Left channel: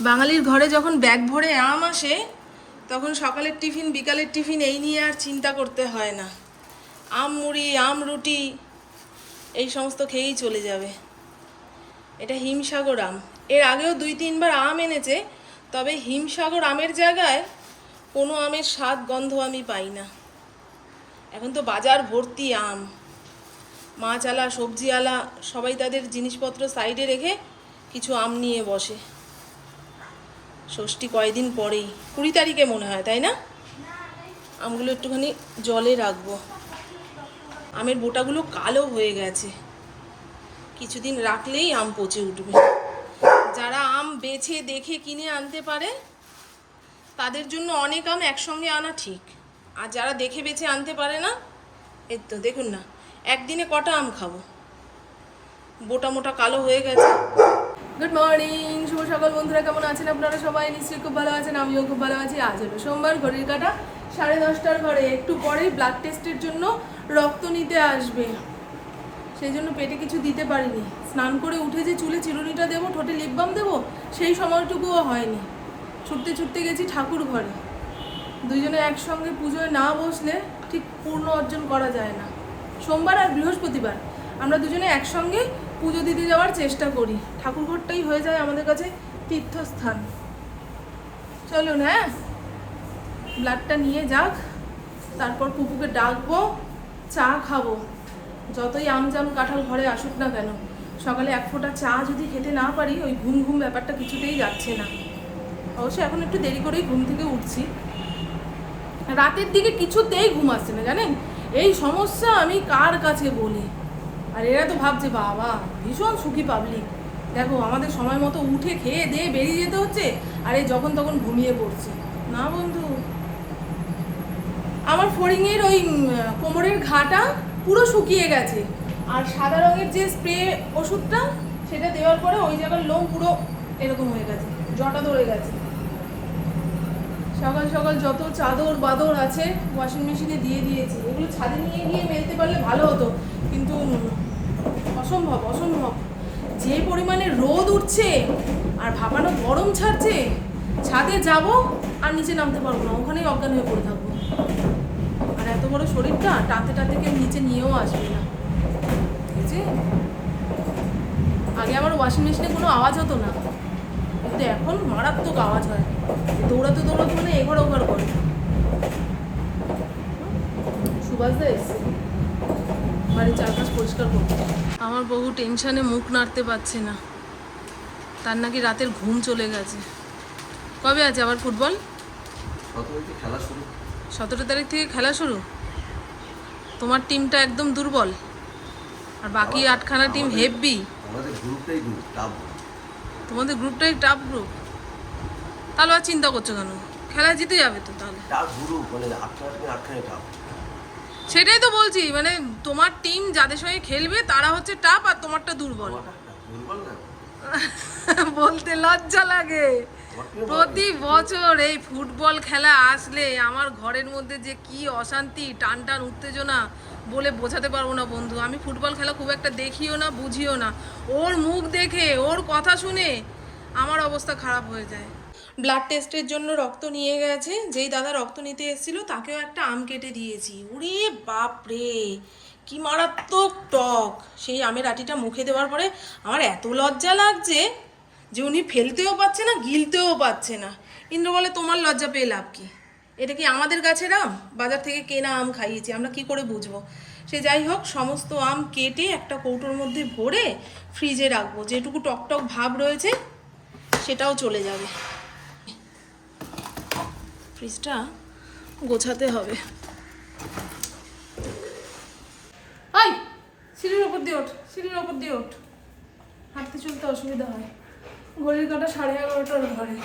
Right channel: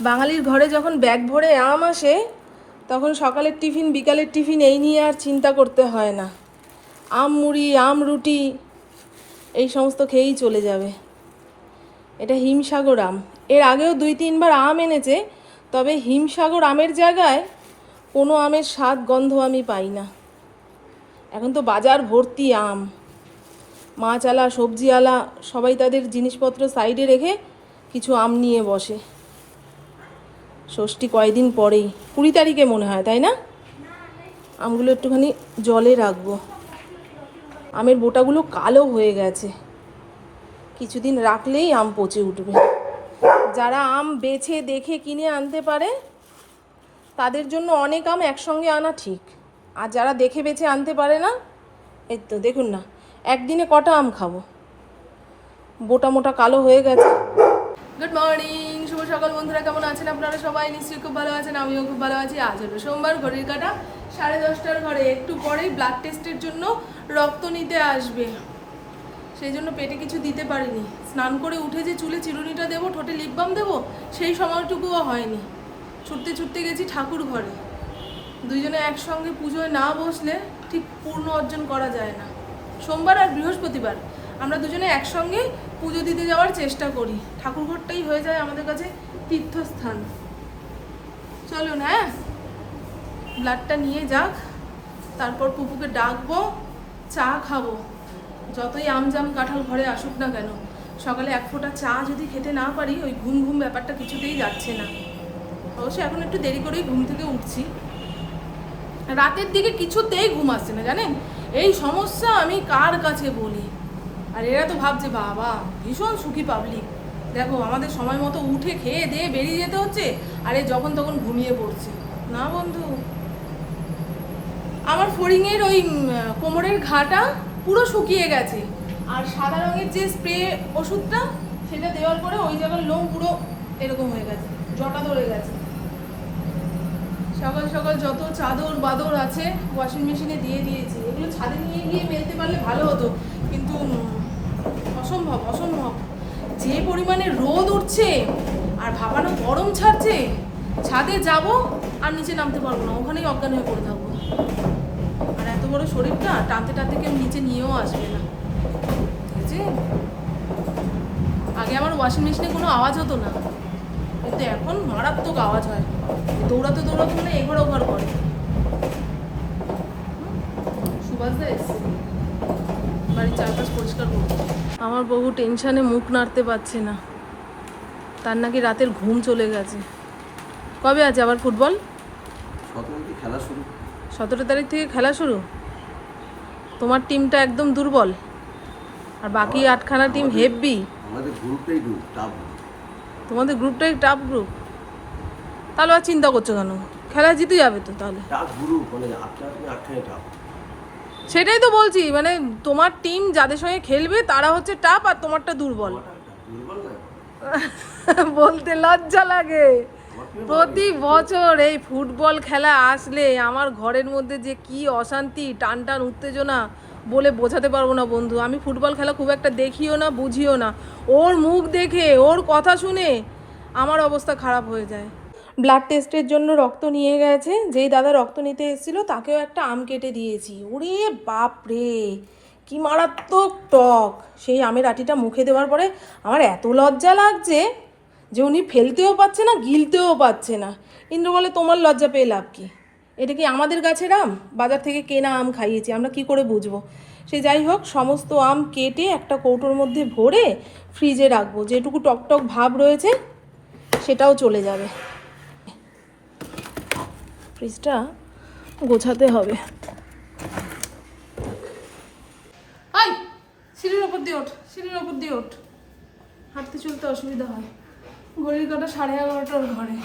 বাঙালির ঘরে যখন ব্যাগ ভরে আম আসে, তখন সকালের টিফিন, বিকালের টিফিন, এই নিয়ে আর চিন্তা করতে হয় না। আম মুড়ি, আম রুটি, এই সমস্ত খেয়েই চলে যাবে। এটা হিমসাগর আম। এর আগেও দুই, তিনবার আম এনেছে, তবে হিমসাগর আমের জায়গায় কোনো আমের স্বাদ, গন্ধ আমি পাই না। এখন তো বাজার ভর্তি আম। মাছ আলা, সবজি আলা, সবাই তাদের জিনিসপত্র সাইডে রেখে কিছু আম নিয়ে বসে। ষষ্ঠী কয়দিন পরেই। কুড়ি তারিখে মনে হয়, তাই না? আমগুলো একটুখানি জলে রাখব। আমের বোটাগুলো কালো হয়ে গেছে। কিছুদিন রাখলেই আম পচে উঠবে। যারা আম বেছে, দেখে, কিনে আনতে পারে, তাদের জন্য অনেক আম একসঙ্গে আনা ঠিক। আর যারা দেখে, বেছে আনতে পারে না, এই তো দেখুন না, একদিনে কটা আম খাব? বোটা মোটা কালো হয়ে গেছে। গুড মর্নিং শুভ সকাল বন্ধুরা, কেমন আছেন আপনারা সবাই? নিশ্চয়ই খুব ভালো আছেন, আমিও খুব ভালো আছি। আজ হলো সোমবার, ঘড়ির কাটা সাড়ে দশটার ঘরে। একটু পরেই ব্লাড টেস্টের জন্য রক্ত নিতে আসবে। সেই জন্য পেটে কিছু দিতে পারিনি। স্নান করে উঠে যে চুলে চিরুনিটা দেবো, ঠোঁটে লিপ বাম দেবো, সেই সময়টুকুও হয়নি। ছুটতে ছুটতে গেছি ঠাকুর ঘরে। দুইজনে একসঙ্গে পুজোয় না বসলে ঠিক পূর্ণ অর্জন করা যায় না। সোমবার আর বৃহস্পতিবার। আমরা দুজনে একসঙ্গে পুজো দিতে যাওয়ার চেষ্টা করি। ঠাকুর ঘরটাই হয়ে যায় আমাদের কাছে তীর্থস্থান। চলুন হ্যাঁ? ব্লাডটা নিয়ে যাক, তারপর পুপুকে ডাকবো, চা খাব। যতই আমজাম কাঁঠাল ঘরে আসুক না কেন, সকালে এক ফোঁটা চা যদি খেতে না পারি, ওই ঘুম ঘুম ব্যাপারটা কিছুতেই যাচ্ছে না। অবশ্য এখন একটু দেরি করেই ঘুম থেকে উঠছি। রাতের দিকে কিছুতেই ঘুম আসছে না, জানেন? এই সমস্যা আমি কার কাছে বলি? আর এরা তো ভাবছে, বাবা, ভীষণ সুখী পাবলিক দেখো, আমাদের সময় মতো উঠে খেয়ে দিয়ে বেরিয়ে যেতে হচ্ছে, আর এই যখন তখন ঘুমিয়ে পড়ছে। না বন্ধু। আমার ফড়িংয়ের ওই কোমরের ঘাটা পুরো শুকিয়ে গেছে। আর সাদা রঙের যে স্প্রে ওষুধটা, সেটা দেওয়ার পরে ওই জায়গার লোম পুরো এরকম হয়ে গেছে, জটা ধরে গেছে। সকাল সকাল যত চাদর বাদর আছে ওয়াশিং মেশিনে দিয়ে দিয়েছি। এগুলো ছাদে নিয়ে গিয়ে মেলতে পারলে ভালো হতো। কিন্তু অসম্ভব অসম্ভব। যে পরিমাণে রোদ উঠছে আর ভাপানো গরম ছাড়ছে, ছাদে যাব আর নিচে নামতে পারব না, ওখানেই অজ্ঞান হয়ে পড়ে থাকব। আর এত বড় শরীরটা টানতে টানতে কেউ নিচে নিয়েও আসবে না। আগে আমার ওয়াশিং মেশিনে কোনো আওয়াজ হতো না, কিন্তু এখন মারাত্মক আওয়াজ হয়। দৌড়াতে দৌড়াতে মানে এঘর ওঘর করে। সুভাষ দা এসছে। বাড়ির চারপাশ পরিষ্কার করতে আমার বহু টেনশানে মুখ নাড়তে পারছে না। তার নাকি রাতের ঘুম চলে গেছে। কবে আছে আবার ফুটবল? খেলা শুরু। সতেরো তারিখ থেকে খেলা শুরু? তোমার টিমটা একদম দুর্বল। আর বাকি আটখানা টিম হেভি। আমাদের গ্রুপটাই গ্রুপ টাপ তোমাদের গ্রুপটাই টাফ গ্রুপ তাহলে আর চিন্তা করছ কেন? খেলা জিতে যাবে তো তাহলে। গ্রুপ মানে আটখানে সেটাই তো বলছি মানে তোমার টিম যাদের সঙ্গে খেলবে তারা হচ্ছে টাপ আর তোমারটা দুর্বল। দুর্বল বলতে লজ্জা লাগে। প্রতি বছর এই ফুটবল খেলা আসলে আমার ঘরের মধ্যে যে কি অশান্তি টান টান উত্তেজনা বলে বোঝাতে পারব না বন্ধু। আমি ফুটবল খেলা খুব একটা দেখিও না বুঝিও না। ওর মুখ দেখে ওর কথা শুনে আমার অবস্থা খারাপ হয়ে যায়। ব্লাড টেস্টের জন্য রক্ত নিয়ে গেছে। যেই দাদা রক্ত নিতে এসেছিল, তাকেও একটা আম কেটে দিয়েছি। ওরে বাপ রে কি মারাত্মক টক! সেই আমের আটিটা মুখে দেওয়ার পরে আমার এত লজ্জা লাগছে যে উনি ফেলতেও পাচ্ছে না, গিলতেও পাচ্ছে না। ইন্দ্র বলে, তোমার লজ্জা পেয়ে লাভ কি? এটা কি আমাদের গাছের আম? বাজার থেকে কেনা আম খাইয়েছি, আমরা কি করে বুঝব? সে যাই হোক, সমস্ত আম কেটে একটা কৌটোর মধ্যে ভরে ফ্রিজে রাখব। যেটুকু টকটক ভাব রয়েছে, সেটাও চলে যাবে। ফ্রিজটা গোছাতে হবে। আই, সিঁড়ির ওপর দিয়ে ওঠ, সিঁড়ির ওপর দিয়ে ওঠ। হাঁটতে চলতে অসুবিধা হয়। ঘড়ির কাটা সাড়ে এগারোটার ঘরে।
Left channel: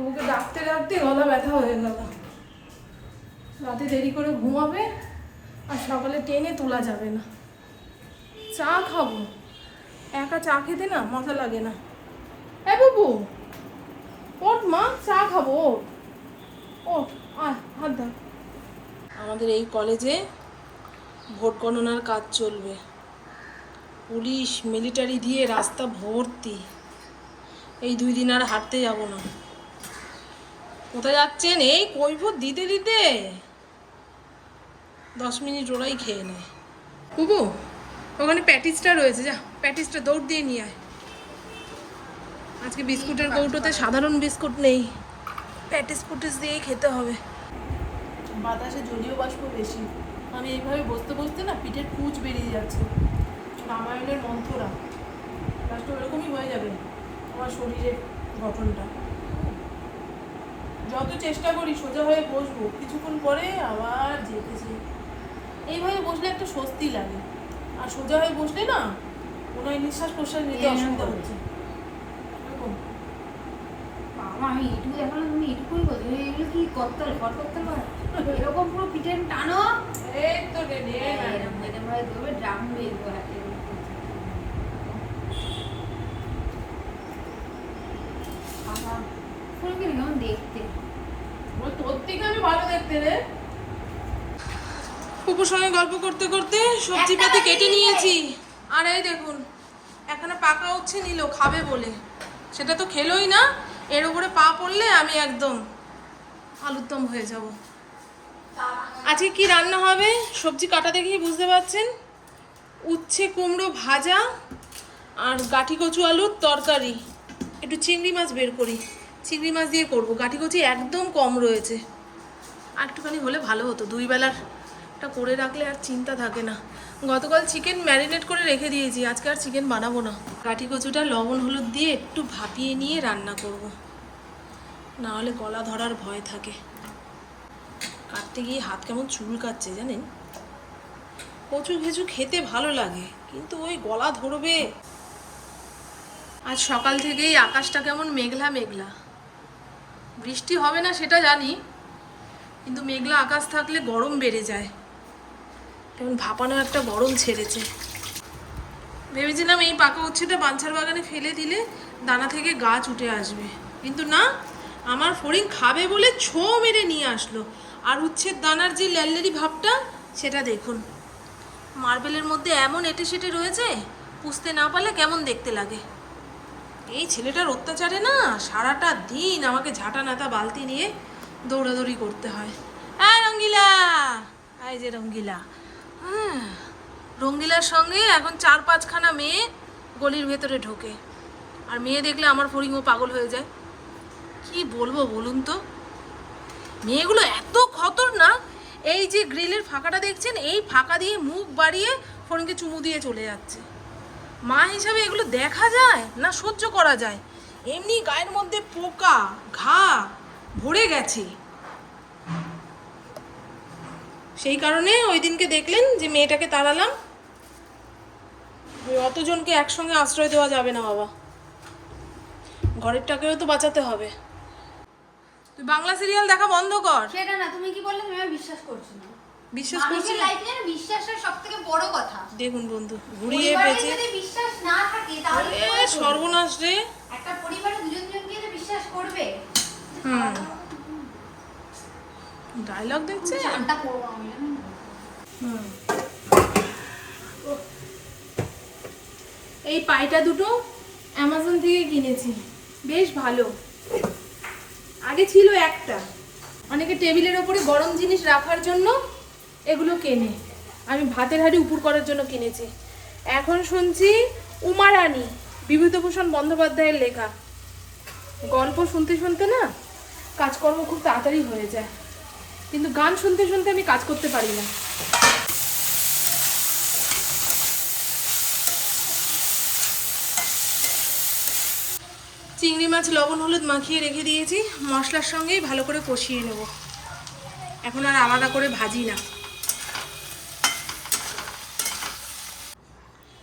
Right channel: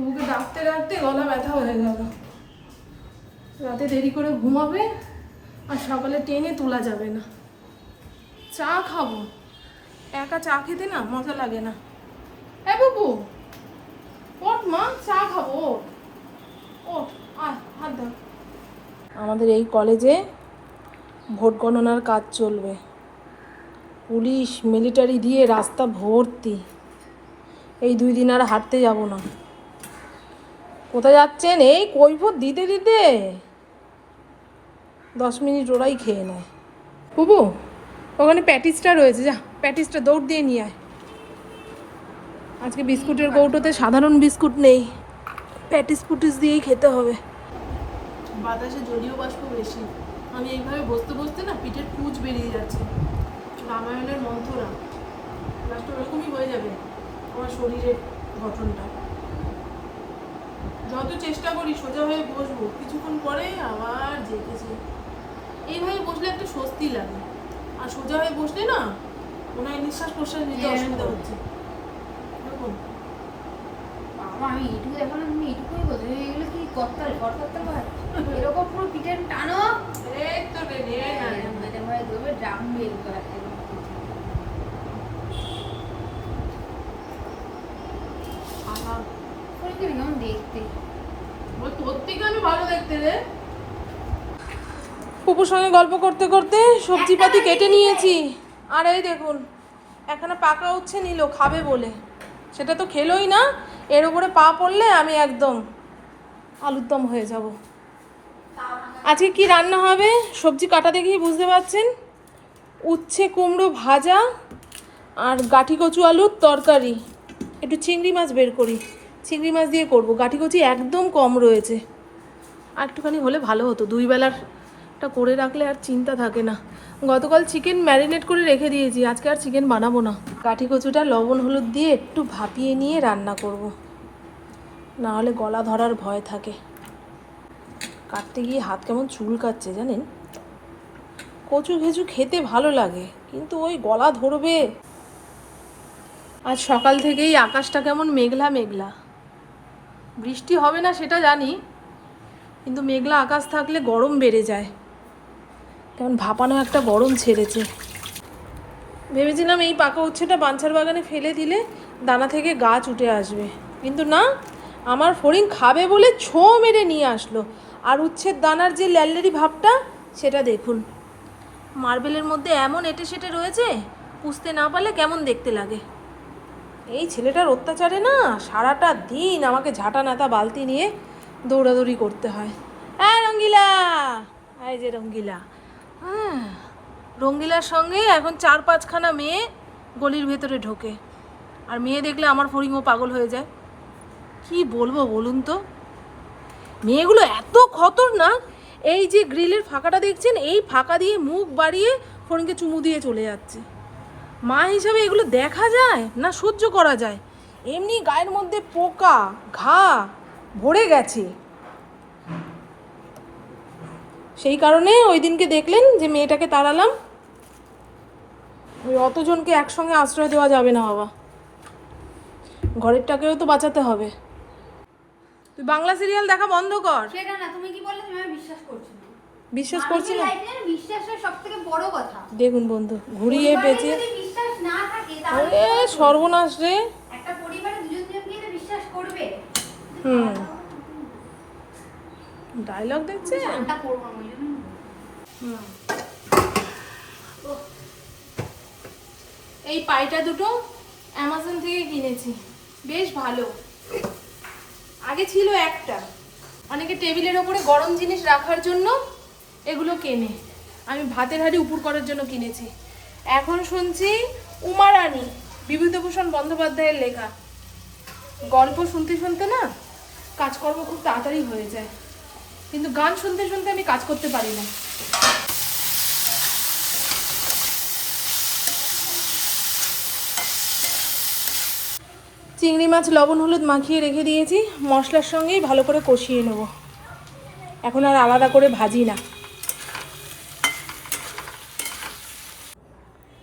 ওকে ডাকতে ডাকতে গলা ব্যথা হয়ে গেল। রাতে দেরি করে ঘুমাবে আর সকালে টেনে তোলা যাবে না। চা খাব। একা চা খেতে না মাথা লাগে না। এ বাবু, ওঠ মা, চা খাব, ওঠ। আয় হাত আমাদের এই কলেজে ভোট গণনার কাজ চলবে। পুলিশ মিলিটারি দিয়ে রাস্তা ভর্তি। এই দুই দিন আর হাঁটতে যাব না। কোথায় যাচ্ছেন? এই কৈফত দিতে দিতে। দশ মিনিট ওরাই খেয়ে নেয়। বুবু ওখানে প্যাটিসটা রয়েছে যা প্যাটিসটা দৌড় দিয়ে নিয়ে আয়। আজকে বিস্কুটের কৌটোতে সাধারণ বিস্কুট নেই। প্যাটিস পুটিস দিয়েই খেতে হবে। বাতাসে জলীয় বাষ্প বেশি। আমি এইভাবে বসতে বসতে না পিঠের কুচ বেরিয়ে যাচ্ছে। রামায়ণের মন্থরা লাস্ট এরকমই হয়ে যাবে আমার শরীরের গঠনটা। যত চেষ্টা করি সোজা হয়ে বসবো কিছুক্ষণ পরে আবার জেগেছে এইভাবে বসলে একটা স্বস্তি লাগে। আর সোজা হয়ে বসলে না মনে হয় নিঃশ্বাস প্রশ্বাস নিতে অসুবিধা হচ্ছে। আমি এইটুকু দেখো করতলে হয় এরকম পুরো পিঠে টানো এই তো রে রে এরকম এরকম হয়ে দেবে ড্রাম হাতে কেমন দেখতে ওই তোর থেকে আমি ভালো দেখতে রে পুপুর সঙ্গে গল্প করতে করতে সবজিপাতি কেটে নিয়েছি আর এই দেখুন এখানে পাকা উচ্ছে নিল খাবে বলে সেটা তো খেলোই না এর উপরে পা পড়লে আমি একদম আলুর দম হয়ে যাব। আজকে কি রান্না হবে? সবজি কাটা দেখেই বুঝতে পারছেন? উচ্ছে, কুমড়ো ভাজা আর গাঠি কচু আলুর তরকারি। একটু চিংড়ি মাছ বের করি। চিংড়ি মাছ দিয়ে করব। গাঠি কচি একদম কম রয়েছে। আর একটুখানি হলে ভালো হতো। দুই বেলারটা করে রাখলে আর চিন্তা থাকে না। গতকাল চিকেন ম্যারিনেট করে রেখে দিয়েছি। আজকে আর চিকেন বানাবো না। কাঠি কচুটা লবণ হলুদ দিয়ে একটু ভাপিয়ে নিয়ে রান্না করব। না হলে গলা ধরার ভয় থাকে। কাটতে গিয়ে হাত কেমন চুল কাচ্ছে জানেন? কচু ঘেচু খেতে ভালো লাগে, কিন্তু ওই গলা ধরবে। আজ সকাল থেকেই আকাশটা কেমন মেঘলা মেঘলা। বৃষ্টি হবে না সেটা জানি, কিন্তু মেঘলা আকাশ থাকলে গরম বেড়ে যায়। কেমন ভাপানো একটা গরম ছেড়েছে। ভেবেছিলাম এই পাকা উচ্ছেটা বাঞ্ছার বাগানে ফেলে দিলে দানা থেকে গাছ উঠে আসবে, কিন্তু না। আমার ফড়িং খাবে বলে ছো মেরে নিয়ে আসলো। আর উচ্ছের দানার যে ল্যালেরি ভাবটা, সেটা দেখুন। মার্বেলের মধ্যে এমন এটে সেটে রয়েছে, পুষতে না পারলে কেমন দেখতে লাগে। এই ছেলেটার অত্যাচারে না সারাটা দিন আমাকে ঝাঁটা নাতা বালতি নিয়ে দৌড়াদৌড়ি করতে হয়। হ্যাঁ রঙ্গিলা, এই যে রঙ্গিলা। হ্যাঁ রঙ্গিলার সঙ্গে এখন চার পাঁচখানা মেয়ে গলির ভেতরে ঢোকে। আর মেয়ে দেখলে আমার ফড়িংও পাগল হয়ে যায়। কি বলব বলুন তো? মেয়েগুলো এত খতরনাক এই যে গ্রিলের ফাঁকাটা দেখছেন, এই ফাঁকা দিয়ে মুখ বাড়িয়ে ফোনকে চুমু দিয়ে চলে যাচ্ছে। মা হিসাবে এগুলো দেখা যায় না সহ্য করা যায়? এমনি গায়ের মধ্যে পোকা, ঘা ভরে গেছে। সেই কারণে ওই দিনকে দেখলেন যে মেয়েটাকে তাড়ালাম। ওই অতজনকে একসঙ্গে আশ্রয় দেওয়া যাবে না বাবা। ঘরেরটাকেও তো বাঁচাতে হবে। তুই বাংলা সিরিয়াল দেখা বন্ধ কর। সেটা না তুমি কি বললে? তুমি বিশ্বাস করছ না। বিশ্বাস করছি না? লাইফে না বিশ্বাসটা সব থেকে বড় কথা। দেখুন বন্ধু ঘুরিয়ে যদি বিশ্বাস না থাকে তাহলে এ, সর্বনাশ রে। একটা পরিবারে দুজন দুজনকেই তো বিশ্বাস করবে হুম। ডায়লগ দেখছে? চানটা করব আমি জানো? না? এই পাইটা দুটো অ্যামাজন থেকে কিনেছি। বেশ ভালো। আগে ছিল একটা। অনেকে টেবিলের ওপরে গরম জিনিস রাখার জন্য এগুলো কেনে। আমি ভাতের হাড়ি উপর করার জন্য কিনেছি। এখন শুনছি উমারানি, বিভূতিভূষণ বন্দ্যোপাধ্যায়ের লেখা। গল্প শুনতে শুনতে না কাজকর্ম খুব তাড়াতাড়ি হয়ে যায়। কিন্তু গান শুনতে শুনতে আমি কাজ করতে পারি না। চিংড়ি মাছ লবণ, হলুদ মাখিয়ে রেখে দিয়েছি। মশলার সঙ্গেই ভালো করে কষিয়ে নেব। এখন আর আলাদা করে ভাজি না।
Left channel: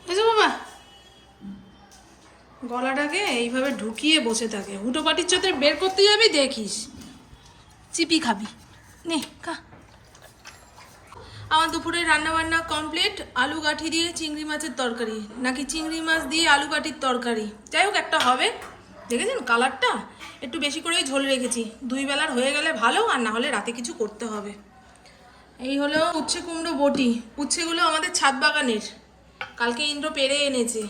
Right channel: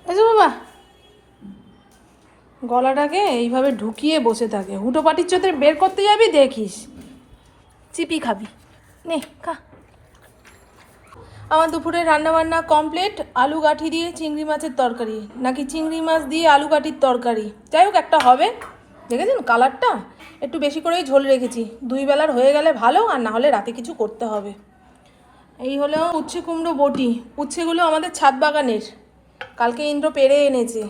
এসো বাবা, গলাটাকে এইভাবে ঢুকিয়ে বসে থাকে। হুটো পাটির চোতে বের করতে যাবি, দেখিস। চিপি খাবি। নে, খা। আমার দুপুরে রান্নাবান্না কমপ্লিট আলু গাঠি দিয়ে চিংড়ি মাছের তরকারি। নাকি চিংড়ি মাছ দিয়ে আলু গাঠির তরকারি। যাই হোক, একটা হবে। দেখেছেন কালারটা? একটু বেশি করেই ঝোল রেখেছি। দুই বেলার হয়ে গেলে ভালো, আর না হলে রাতে কিছু করতে হবে। এই হলো উচ্ছে কুমড়ো বটি। উচ্ছেগুলো আমাদের ছাদ বাগানের। কালকে ইন্দ্র পেরে এনেছে।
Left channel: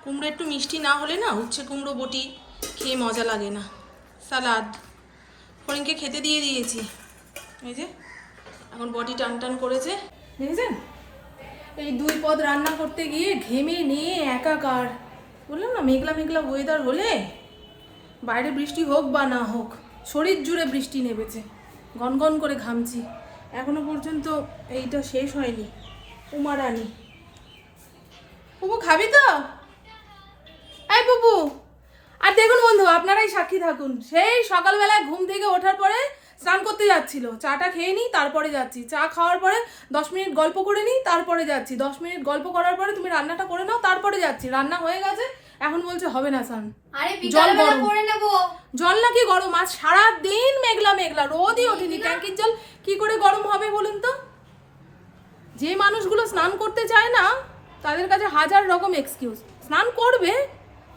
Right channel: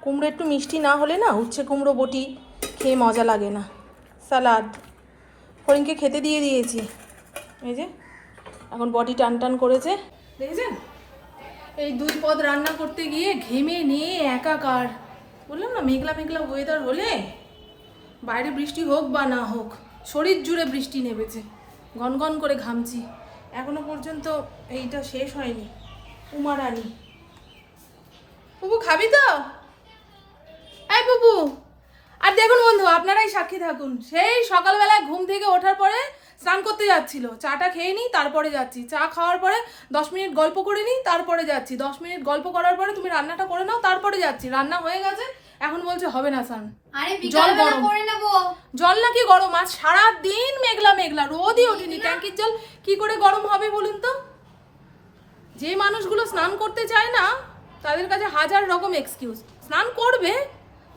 কুমড়ো একটু মিষ্টি না হলে না উচ্ছে কুমড়ো বটি খেয়ে মজা লাগে না। সালাদ। ফড়িংকে খেতে দিয়ে দিয়েছি। এই যে, এখন বডি টান টান করেছে। দেখেছেন? এই দুই পদ রান্না করতে গিয়ে ঘেমে নিয়ে একাকার। বললাম না, মেঘলা মেঘলা ওয়েদার হলে বাইরে বৃষ্টি হোক বা না হোক, শরীর জুড়ে বৃষ্টি নেমেছে, গনগন করে ঘামছি। এখনও পর্যন্ত এইটা শেষ হয়নি উমারানি বুবু, খাবি তো? এই বুবু, আর দেখুন বন্ধু, আপনারাই সাক্ষী থাকুন। সেই সকালবেলায় ঘুম থেকে ওঠার পরে স্নান করতে যাচ্ছিল। চাটা খেয়ে নিই তারপরে যাচ্ছি। চা খাওয়ার পরে দশ মিনিট গল্প করে নিই তারপরে যাচ্ছি। দশ মিনিট গল্প করার পরে তুমি রান্নাটা করে নাও তারপরে যাচ্ছি। রান্না হয়ে গেছে এখন বলছে হবে না স্নান। জল গরম। করে নেব। জল নাকি গরম? আজ সারা দিন মেঘলা মেঘলা রোদই ওঠেনি। ট্যাঙ্কির জল কি করে গরম হবে বলুন তো? যে মানুষগুলো স্নান করতে চায় না তাদের কাছে হাজার রকম এক্সকিউজ স্নান করবে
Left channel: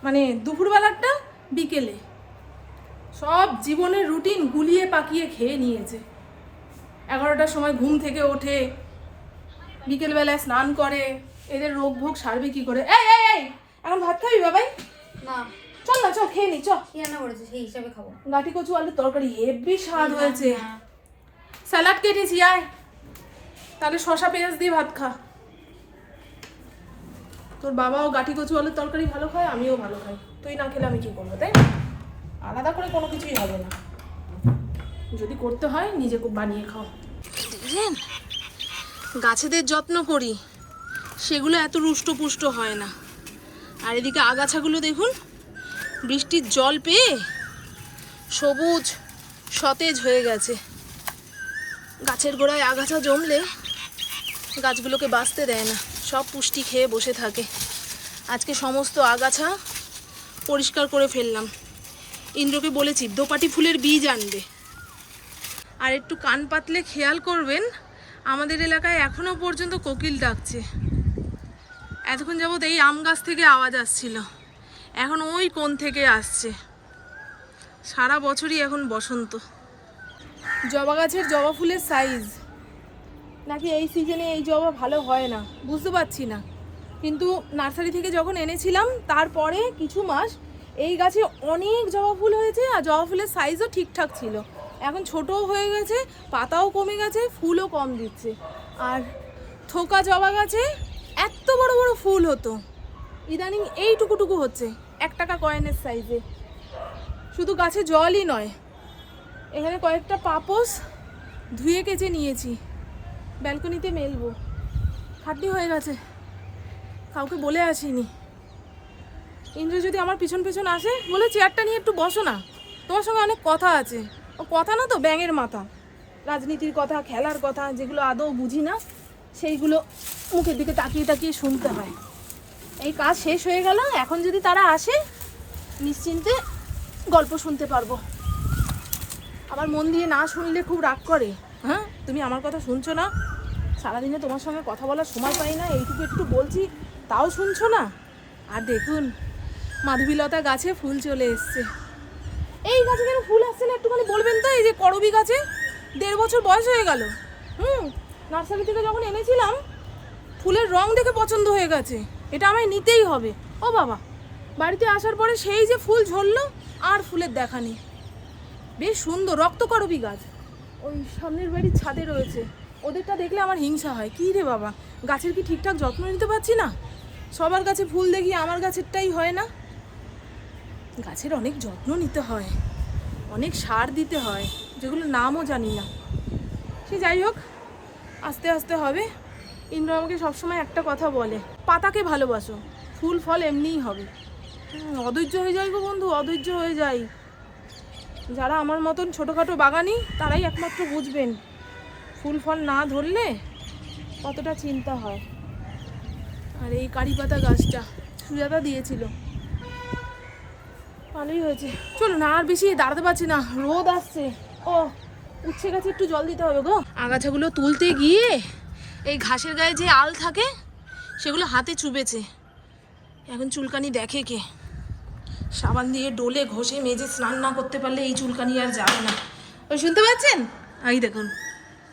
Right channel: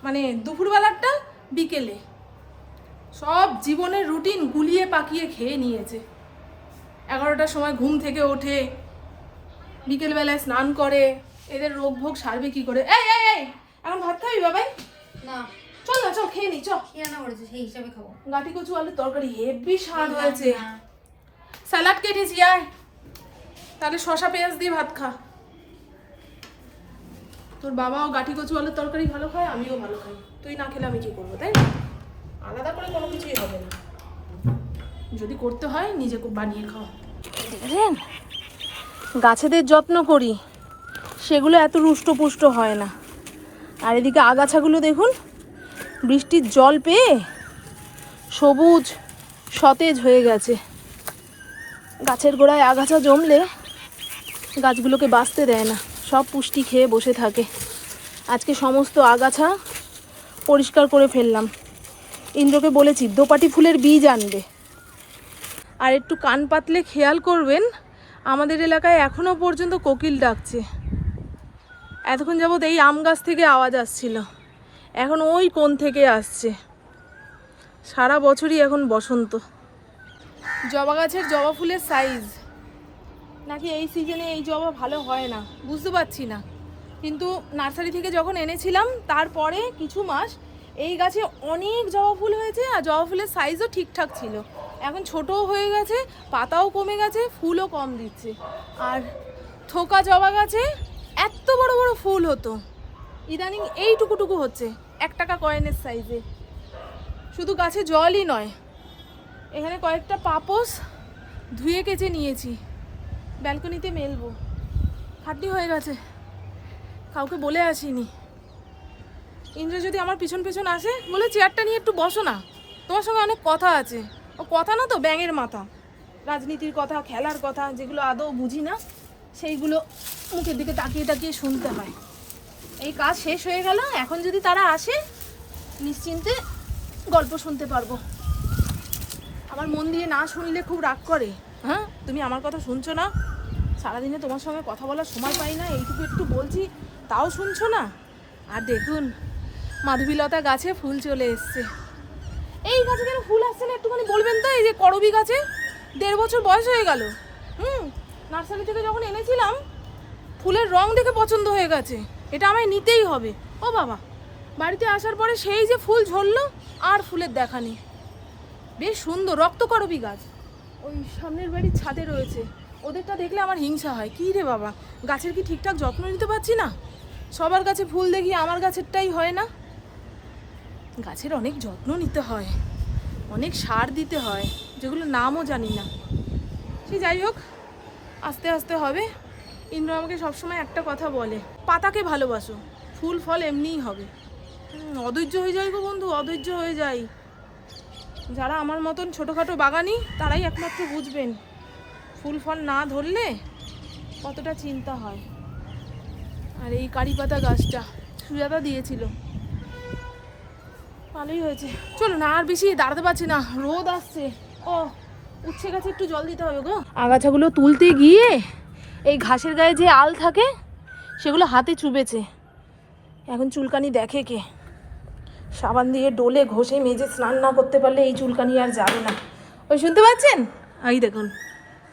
মানে দুপুরবেলাটা বিকেলে। সব জীবনের রুটিন গুলিয়ে পাকিয়ে খেয়ে নিয়েছে। এগারোটার সময় ঘুম থেকে ওঠে বিকেলবেলায় স্নান করে এদের রোগ ভোগ সারবে কি করে? এই এই এই এখন ভাত খাবি বাবাই? না। চল না চল খেয়ে নি চ কি রান্না করেছে? সেই হিসাবে খাব। গাটি কচু আলুর তরকারি হেভি স্বাদ হয়েছে। স্যালাড কেটেছি আয়। তাহলে শশা পেঁয়াজ দিয়ে ভাত খা। তোর বাবাও গাঠি কচু আলুর তরকারি ভালো খায় আমিও ভালো খাই। তুই না খেলে আমি কি করব তাই না? আলাদা করে কোনো কিছুই হবে না। যদি করতে হয় নিজে কো- বানিয়ে খাও। দেখেন গাছেদের যত্ন করি। সেগুলো এত রুষ্টপুষ্ট হয় না। আর এদিকে আগাছাগুলো দেখুন বৃষ্টির জল পেয়ে সবুজ সতেজ হয়ে গেছে। গাছের গোড়ায় আগাছা জমলে গাছগুলোকে বাঁচতে দেয় না সব পুষ্টি খেয়ে বসে থাকে। আজকে সমস্ত আগাছা পরিষ্কার করে ফেললাম। ইন্দ্রকে বলেছি, দোপাটি ফুলের বীজ আনবে। আর একটু কান পাতলে খেয়াল করবেন, আমাদের এলাকায় এখনও পর্যন্ত কোকিল ডাকছে। এতক্ষণ যাবৎ এই আম গাছ থেকে আওয়াজ আসছিল। এখন ওই কোন থেকে আসছে। সারা বছরই এখন বসন্ত। জবা গাছের জবা ফুলের সাইজ নাকি এই সিজনে এই জবা ভালো হয় না, বুঝতে পারছি না। কিন্তু নার্সারি থেকে যখন এনেছিলাম, তারপরে কিছু মাস এই গাছে অনেক জবা ফুল হয়েছে আর জবা ফুলের সাইজও ঠিকঠাক ছিল। এখন ছোটও হয়ে গেছে, পাতাও কমে গেছে, ফুলও কম দিচ্ছে। আর থোকা জবা গাছে এত বড় বড় ফুল হতো। ইদানিং এইটুকুটুকু হচ্ছে, এক টাকা কয়েনের সাইজে শুধু গাছে জলই নয়, এখানে কয়েকটা পাপোস ধুয়ে কেচে নিয়েছি। ব্যালকনিতে মেলবো। খাটনি হয়ে গেছে। কাউকে বলে আসিনি। ইন্দ্র যদি আমার পিছন পিছন আসে, বলে চেয়ারটা নিয়ে একটু বসো না। তোমার সঙ্গে অনেক কথা আছে। ও কথা না তো, ব্যাঙের মাথা। রাজনীতির কথা, খেলার কথা, যেগুলো আদৌ বুঝি না, সেইগুলো মুখের দিকে তাকিয়ে তাকিয়ে শুনতে হয়। এই কাজ শেষ হয়ে গেল, এখন যদি তারা আসে, নিশ্চিন্তে গল্প শুনতে পারব। আবার মন দিয়ে না শুনলে খুব রাগ করে। হ্যাঁ তুমি আমার কথা শুনছো না? সারাদিনে তোমার সঙ্গে কথা বলার সময় পাই না, এইটুকু একটু বলছি, তাও শুনছো না? আর দেখুন মাধবীলতা গাছে ফুল চলে এসছে। এই গাছে কেন ফুল আসছে না একটুখানি বলবেন তো? এই যে করবি গাছে, দেড় বছর বয়স হয়ে গেল। হুম, নার্সারি থেকে যখন এনেছিলাম, ফুলের রং দেখে পছন্দ হয়ে গেছে। এটা আমায় নিতেই হবে। ও বাবা, বাড়িতে আসার পরে সেই যে ফুল ঝরলো, আর ফুলের দেখা নেই। বেশ সুন্দর রক্তকরবী গাছ। ওই সামনের বাড়ির ছাদে রয়েছে। ওদেরটা দেখলে আমার হিংসা হয়। কী রে বাবা, গাছের কি ঠিকঠাক যত্ন নিতে পারছি না? সবার গাছে ফুল দেখি, আমার গাছেরটাই হয় না। গাছের অনেক যত্ন নিতে হয়, অনেক সার দিতে হয় যেগুলো নামও জানি না। সে যাই হোক, আস্তে আস্তে হবে। ইন্দ্র আমাকে সবসময় একটা কথা বলে, পাতাকে ভালোবাসো, ফুল, ফল এমনিই হবে। অধৈর্য হয়ে যাই গো বন্ধু, অধৈর্য হয়ে যাই। যারা আমার মতন ছোটোখাটো বাগানি, তারাই একমাত্র বুঝবেন, ফুল, ফল না ধরলে কতটা চিন্তা হয়। আর এই কারি পাতা গাছটা, সুজাতা দিয়েছিল। ভালোই হয়েছে। চলো না আর বেশি দাঁড়াতে পারছি না। রোদ আসছে। ও, উচ্ছে গাছে, একটু জল দিতে হবে গো। আগাছাগুলো তুলতে গিয়ে এই ঘাসের গায়ে যে আল থাকে, সেগুলো হাতে চুবেছে এখন চুলকানি দেখে কে? সাবান দিয়ে ডোলে ঘষে মেজে স্নান না করতে পারলে এই চুলকানি আর যাবে না। ওই শুনতে পাচ্ছেন? এই দেখুন।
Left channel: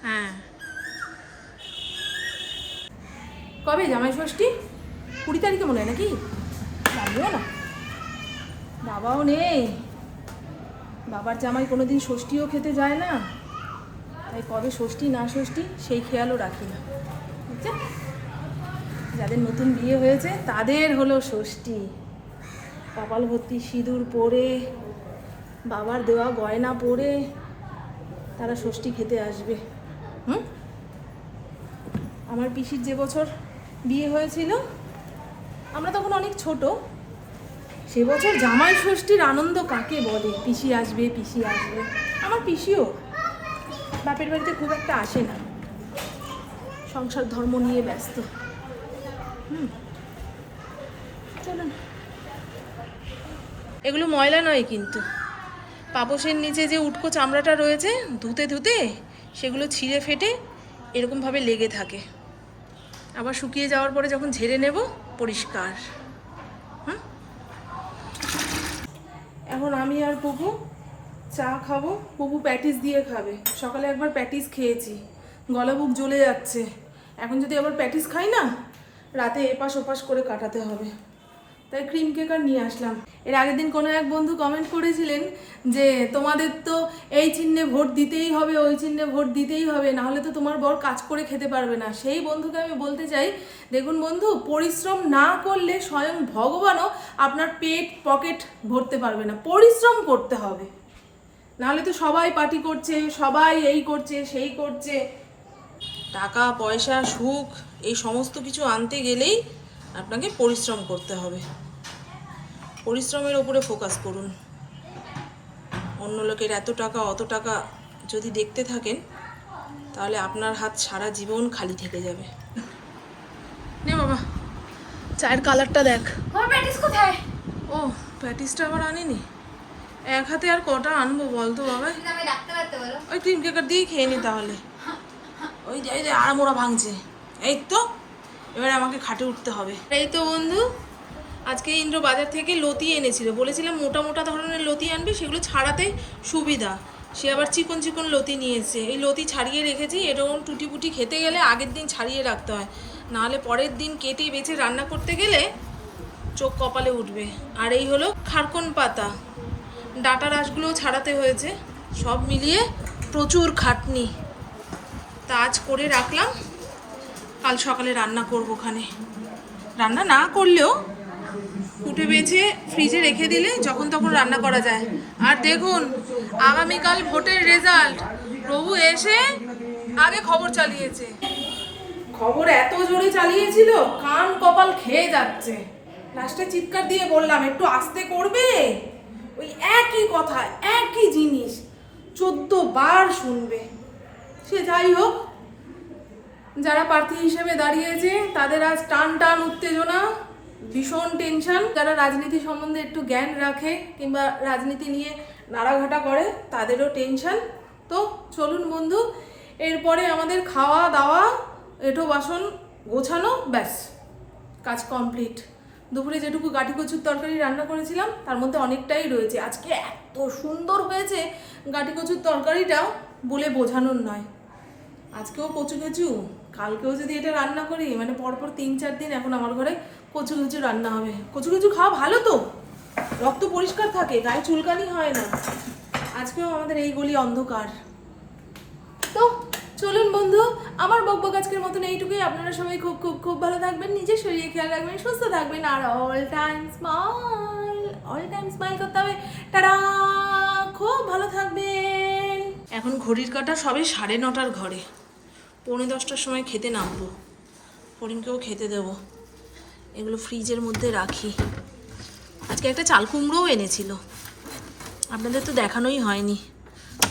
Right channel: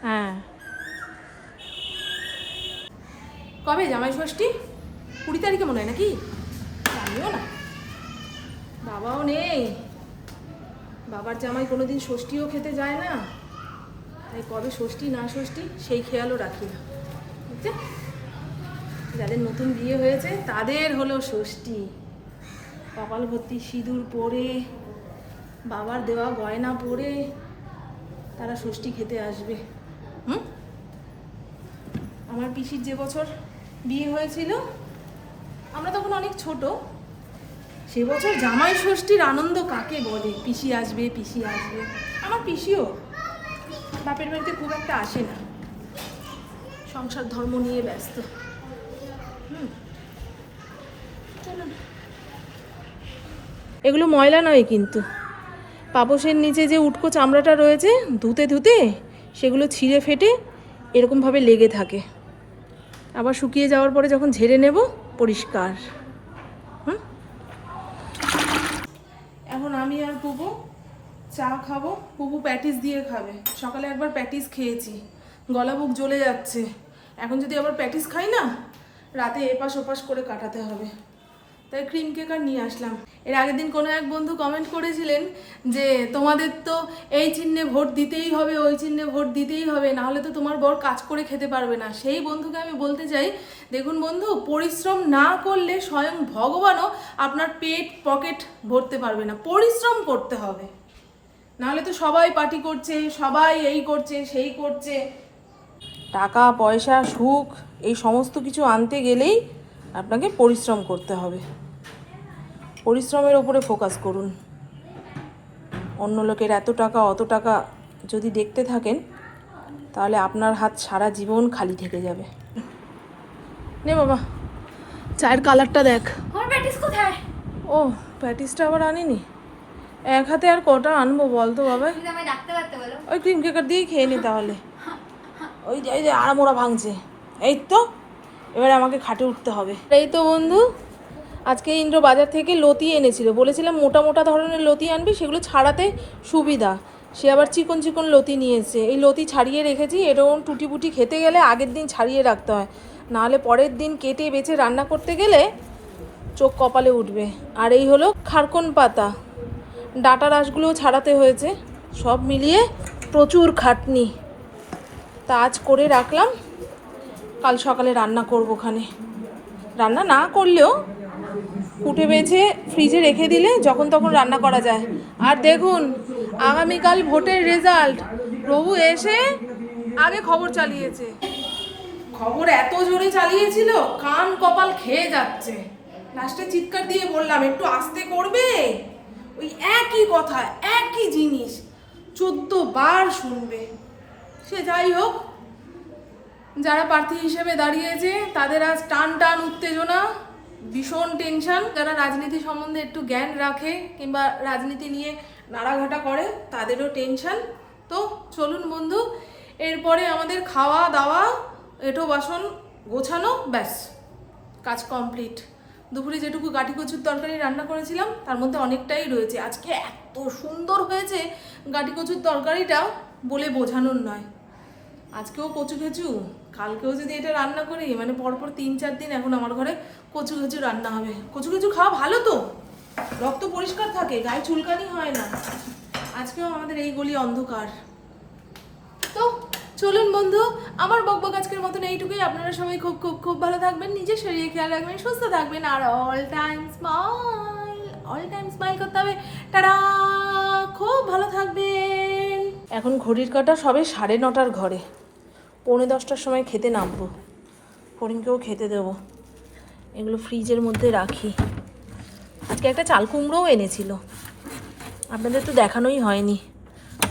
হ্যাঁ। কবে? জামাই ষষ্ঠী? কুড়ি তারিখে মনে হয় নাকি? জানিও না। বাবাও নেই। বাবার জামাই কোনোদিন ষষ্ঠীও খেতে যায় না। তাই কবে ষষ্ঠী না ষষ্ঠী সেই খেয়ালও রাখি না। বুঝছে যাদের নতুন বিয়ে হয়েছে তাদের হলো ষষ্ঠী। কপাল ভর্তি সিঁদুর পরে, বাবার দেওয়া গয়না পরে তারা ষষ্ঠী খেতে আসবে। হুম? আমার পিসির যে বছর বিয়ে হয়েছিল, আমরা তখন অনেক ছোট। সে বছর জামাই ষষ্ঠীর আনন্দ কাকে বলে? পিসি আসবে পিসি আসবে। আমার পিসিও বাপের বাড়িতে খুব একটা আসে না। সংসার, ধর্ম নিয়ে ব্যস্ত। হুম। চলো না এগুলো ময়লা নয় কিন্তু। পাপোশের নিচে যে উটকো চামড়াটা রয়েছে, ধুতে ধুতে সেগুলো ছিঁড়ে ফেটে এরকমভাবে লেগে থাকে। আবার শুকিয়ে যাওয়ার পরে যখন ঝেড়ে নেব, পরিষ্কার হুম এখন আমি আর পুপু, চা খাব। পুপু প্যাটিস দিয়ে খাবে। সকালে একবার প্যাটিস খেয়েছি। গলা বুক জ্বলে যাচ্ছে। এখন যদি আবার প্যাটিস খাই না, রাতে এপাশ ওপাশ করে কাটাতে হবে। তাই ক্রিম কেক আর নিয়ে আসলাম। এর আগের দিন কোনো এক বন্ধু কমেন্ট করেছিলেন যে, তোমাদের তো এই চিহ্নে ভোট দিতেই হবে, ওই চিহ্নে ভোট দিতেই হবে না হলে তো তোমার বর কাজ করে খেতে পারবে না। সেই বন্ধুকে আমি বলতে চাই, দেখুন বন্ধু, পরিশ্রম না করলে স্বয়ং ভগবানও আপনার পেট পকেট ভরতে পারবে না। পরিশ্রম করতে হবে। নাহলে তো সবাই পার্টি করছে, সবাই এই করছে, সেই করছে। টাকা, পয়সা, সুখ, এই সমস্ত কিছু আনতে গেলেই আপনাকে পরিশ্রম করতে হবে। পরিশ্রমের ওপরে ফোকাস করুন। অন্য লোকের এত টাকা অত টাকা যদি দেখতে থাকেন তাহলে আপনার হাত সারা জীবন খালি থেকে যাবে। নে বাবা চায়ের কালারটা দেখ। কোথায়? ও প্যাটিসটা আবার আনিনি? এক হাতে আর কটা আনব বলতো বাবা। ওই ক্রিম কেকার দিয়েই খেয়ে নি তাহলে। ওই যে আড়ামোড়া ভাঙছে। এই তো এবারে আমাকে খাটে উঠতে হবে। এই তো বন্ধু। আজকে ইন্দ্র বাজার থেকে লতি এনেছিল। বলেছিলাম মোটা মোটা ধরনের লতি আনবি, সেগুলো ছাড়াতে সুবিধা। সে আবার চিকন চিকন লতি নিয়েছে এই লতি ছাড়িয়ে রেখেছি, এরকম টুটি পুটি খেতে গেলে আগের দিন ছাড়িয়ে রাখতে হয়। নাহলে পরের দিন কেটে বেছে রান্না করতে গেলে চোখ কপালে উঠবে। আর এই হলো খারকন পাতা। ডাটা রাসগুলোও ছাড়াতে হয়েছে। সব মিলিয়ে প্রচুর খাটনি। তা আজ করে রাখলাম। কাল সকালে রান্না করব ওখানে। রান্না না করলেও কুটে বেছে ফ্রিজে রেখে দিলে যখন তখন রান্না করা যায়। আর দেখুন, আগামীকাল ভোটের রেজাল্ট প্রভু এসে আগে খবর চালিয়েছে। খবর এত জোরে চালিয়েছিল, কান কপাল খেয়ে যাচ্ছে। লাস্টে চিৎকার দিয়ে বললাম, একটু আস্তে করবে? ওই একই কথা, একই জিনিস, চোদ্দ বার শুনবে। সে যাই হোক, যারা প্রার্থী হিসেবে দাঁড়িয়েছে, তাদের আজ টান টান উত্তেজনা। ভীষণ টেনশন যারা রাজনীতি সম্বন্ধে একটু জ্ঞান রাখে কিংবা রাজনীতি নিয়ে নাড়াঘাটা করে, তাদেরও টেনশন তো চলুন বন্ধু, এরপরে আমাদের খাওয়া দাওয়া এঁটো বাসন গোছানো, ব্যাস। কাজ কমপ্লিট দুপুরে যেটুকু গাঠি কচুর তরকারি রান্না করেছিলাম, তার মধ্যে অনেকটাই রয়েছে। আজকে এত সুন্দর হয়েছে গাঠি কচুর তরকারিটা, বলে বোঝানোর নয়। আজকেও কচু কচু কালকেও যদি এটা রান্না করি মানে পরপর তিন, চার দিন এখন আমার ঘরে কচু কচু রান্না হবে। কচু কচু খাওয়া ভালো তো? রক্ত পরিষ্কার থাকে, গায়ে চুলকানি হয় না। আজকেও আমাদের এই গলি অন্ধকার। তো চলুন বন্ধু, আমার বকবক আজকের মতন এইটুকুই। আপনারা সবাই খুব খুব খুব ভালো থাকবেন নিজের শরীরে খেয়াল রাখবেন, সুস্থ থাকবেন, আর all time smile all time smile করতে হবে। টাটা! খুব ভালো থাকবেন। এখন ঘড়ির কাটা সবে সাড়ে নটার ঘরে। পৌনে দশটার সময় খেতে নামবো। ফরিনকেও খেতে দেবো। এগুলো ফ্রিজের মধ্যে রাখি। আজকে একটা চাল কুমড়োও এনেছিল। আপনাদের তো দেখানোই হয়নি।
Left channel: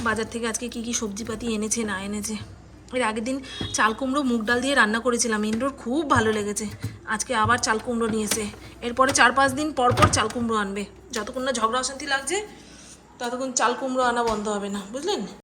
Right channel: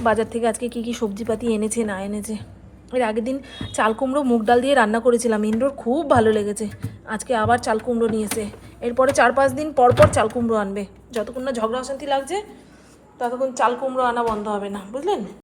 বাজার থেকে আজকে কি কি সবজিপাতি এনেছে, না এনেছে। এর আগের দিন চাল কুমড়ো, মুগ ডাল দিয়ে রান্না করেছিলাম। ইন্দ্রর খুব ভালো লেগেছে। আজকে আবার চাল কুমড়ো নিয়েছে এরপরে চার পাঁচ দিন পর পর চাল কুমড়ো আনবে। যতক্ষণ না ঝগড়া অশান্তি লাগছে, ততক্ষণ চাল কুমড়ো আনা বন্ধ হবে না। বুঝলেন?